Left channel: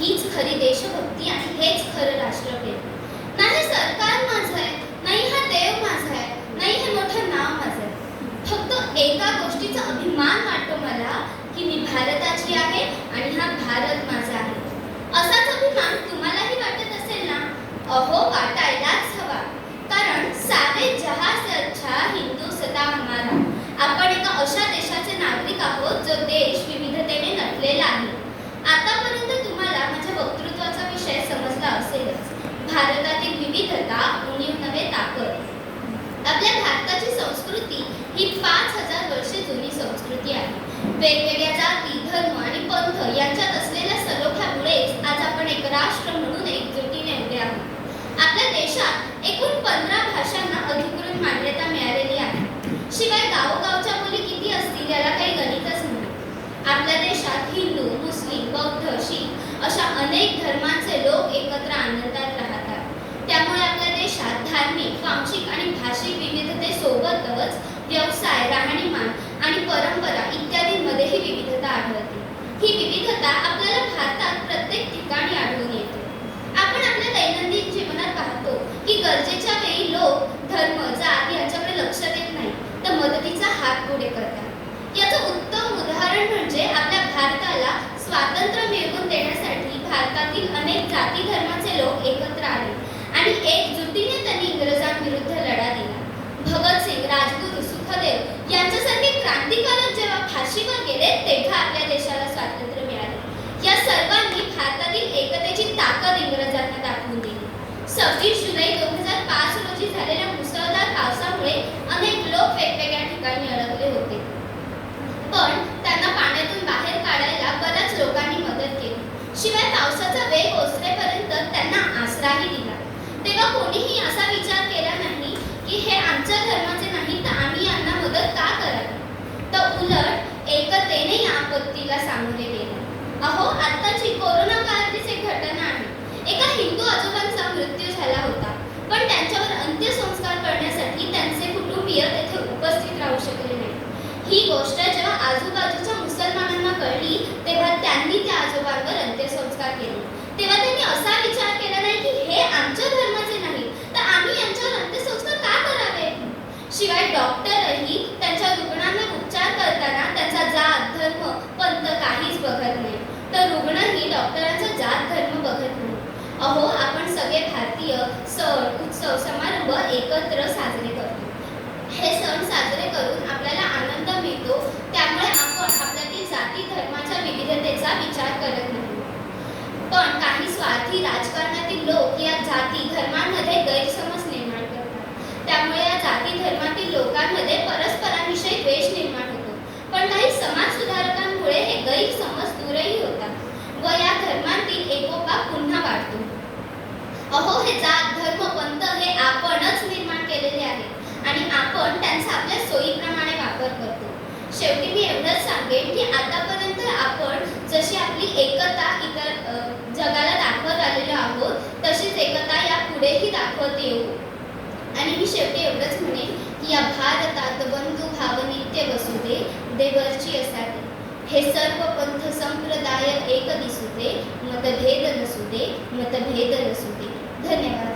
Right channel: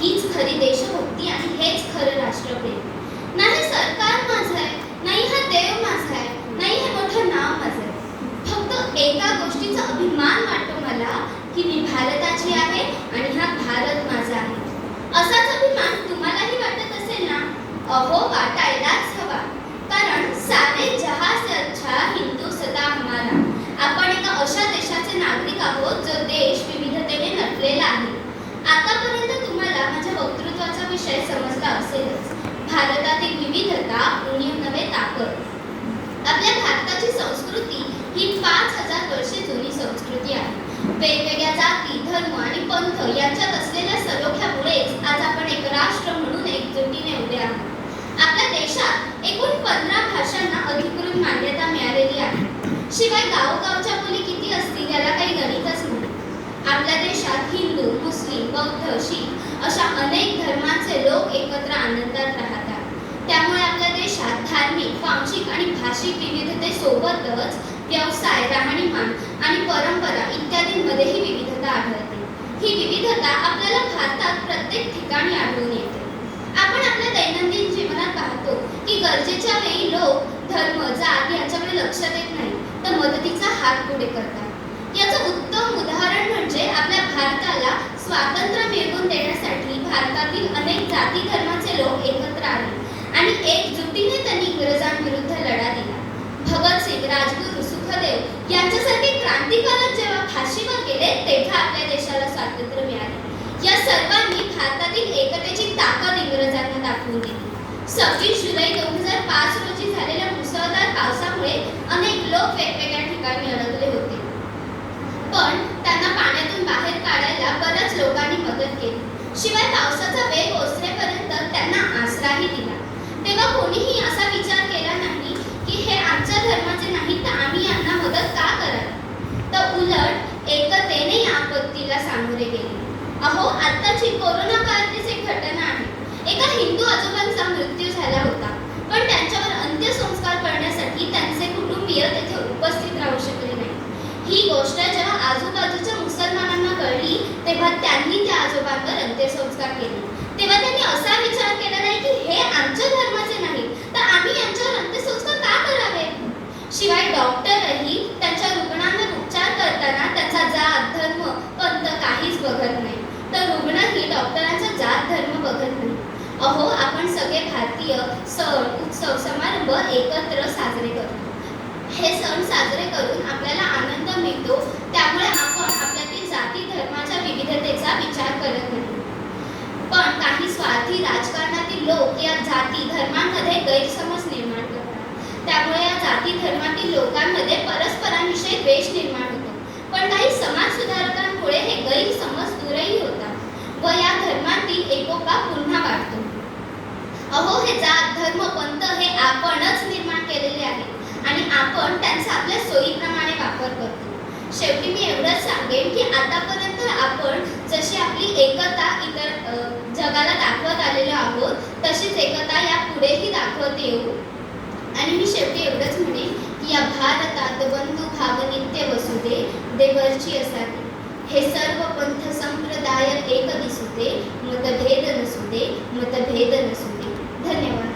हीच खरी देशभक्ती आणि हेच खरं राष्ट्रप्रेम. नाही सरकार माझं आहे नाही हा देव माझा आहे नाही हे मोठं नाव माझं आहे. फक्त एका गोष्टीचा अभिमान वाटतो मला की मी भारताची आहे आणि हा भारत माझा आहे. असाच अभिमान तुम्हालाही वाटत असेल ना? अहो वाटायलाच हवा. कारण सारे जहा से अच्छा हिंदू सदा हमारा. आपण एका अशा देशाचे नागरिक आहोत जो देश विविधतेने नटलेला आहे आतापर्यंत तुम्हाला माझ्या वक्तृत्वाचा विषय समजला असेलच. भारतातील विविधता उणीव नव्हे ताकद. आपल्या भारताची संस्कृती ही पाच हजार वर्षे जुनी संस्कृती आहे. वेगवेगळ्या जाती धर्म आणि पंथ यांच्यात असलेल्या सलोख्यामुळेच आज आपण एक राष्ट्र म्हणून एकजुटीने उभे आहोत आपल्या देशात एकूण पंधरा भाषांना अधिकृत मान्यता मिळालेली आहे शिवाय गावगावच्या मुली किती असतील याला काही गणितच नाही आपल्या देशात हिंदू मुस्लिम बौद्ध शीख अशा अनेक धर्मांचे लोक एकत्र आनंदात राहतात. त्यामुळे आपल्या देशात धार्मिक वांशिक आणि भाषिक विविधतेसोबतच व्यवसाय राहणीमान आणि परंपरा इत्यादींमध्येही विविधता आढळते. ही विविधता आपल्याला भारतात प्रत्येक ठिकाणी आढळून येते. आपण आपल्या दैनंदिन जीवनात पाहतो की गरजेच्या वेळी लोक धर्म जात याच्याकडे लक्ष देत नाही तर मदतीचा हात पुढे करतात. याचं उत्तम उदाहरण म्हणजे आपल्या भारताला स्वातंत्र्य मिळवून देण्यासाठी भारतातील अनेक जाती धर्माचे लोक एकत्र आले आणि एकजुटीने त्यांनी इंग्रजांविरुद्ध लढा दिला. भगतसिंग राजगुरू सुखदेव यांच्यासारखे क्रांतिकारक जेव्हा फाशीवर गेले तेव्हा आपल्या देशाला स्वातंत्र्य मिळाले. या सर्वांनी भारतातील एकतेची ताकद इंग्रजांना दाखवून दिली. सव्वीस जुलै दोन हजार पाच रोजी झालेल्या मुसळधार पावसामुळे अनेक लोक वेगवेगळ्या ठिकाणी अडकले होते पण त्यांना पाण्यातून बाहेर काढायला बऱ्याच लोकांनी मदत केली शिवाय पावसाचा पोहोचण्यापर्यंत त्यांना आसराही दिला. तेव्हा कोणीही असा विचार केला नाही की हे आमच्या धर्माचे नाही तर आम्ही यांना मदत का करावी तर उलट एकतेने या आपत्तीला सामोरे गेले. अहो आत्ताची कोरोना काळातलीच एक घटना आहे. एका हिंदू आजोबांचा मृत्यू झाला होता. पण त्यांच्यावर अंत्यसंस्कार करण्यासाठी त्यांचे कुटुंबीय तेथे उपस्थित राहू शकले नाही. ही गोष्ट जेव्हा आजूबाजूच्या मुसलमानांना कळली तेव्हा त्यांनी त्या आजोबा अंत्यसंस्कार केले तेव्हा त्यांनी असा विचार केला नाही की हे आमच्या धर्माचे नाही तर आम्ही यांच्यावर अंत्यसंस्कार का करावे शिवाय डॉक्टरही त्यांच्या रुग्णांवर उपचार करताना त्यांचा जात धर्म पंत काहीच बघत नाही. तर रुग्णही डॉक्टरांचा जात धर्म बघत नाही. अहो आपण सगळे भारतीय सण उत्सव समारंभ एकत्र साजरे करतो. हे सण साजरे करून आपल्याला आनंद मिळतो त्यामुळे आपण आपल्यातील जाती धर्माच्या विविधतेचा विचार करत नाही. पण काही स्वार्थी राजकारणातील लोक या जाती धर्मांमध्ये गैरसमज निर्माण करतात त्यामुळे या जाती धर्मातील लोकांमध्ये परस्परांविषयी द्वेष निर्माण होतो पण काही समाज सुधारकांमुळे हे गैरसमज दूरही होतात व या धर्मातील एकोपा पुन्हा वाढतो. अहो हे जात धर्म पंथ हे आपणच निर्माण केलेले आहे. आणि आपण त्यांचा आपल्या सोयीप्रमाणे वापर करतो. शेवटी मी एवढंच सांगेन की आतापर्यंत आपण जशी आपली एकता इतर जगाला दाखवत आलेलो आहोत तशीच एकता या पुढेही दाखवत येऊ. आणि मी शेवटी एवढंच म्हणेन की या भारतात बंधू भाव नित्य वसुदे देवरची असावी. हे सर्व पंथ संप्रदाय एक दिसुते मतभेद नसुते मतभेद नसुते. धन्यवाद.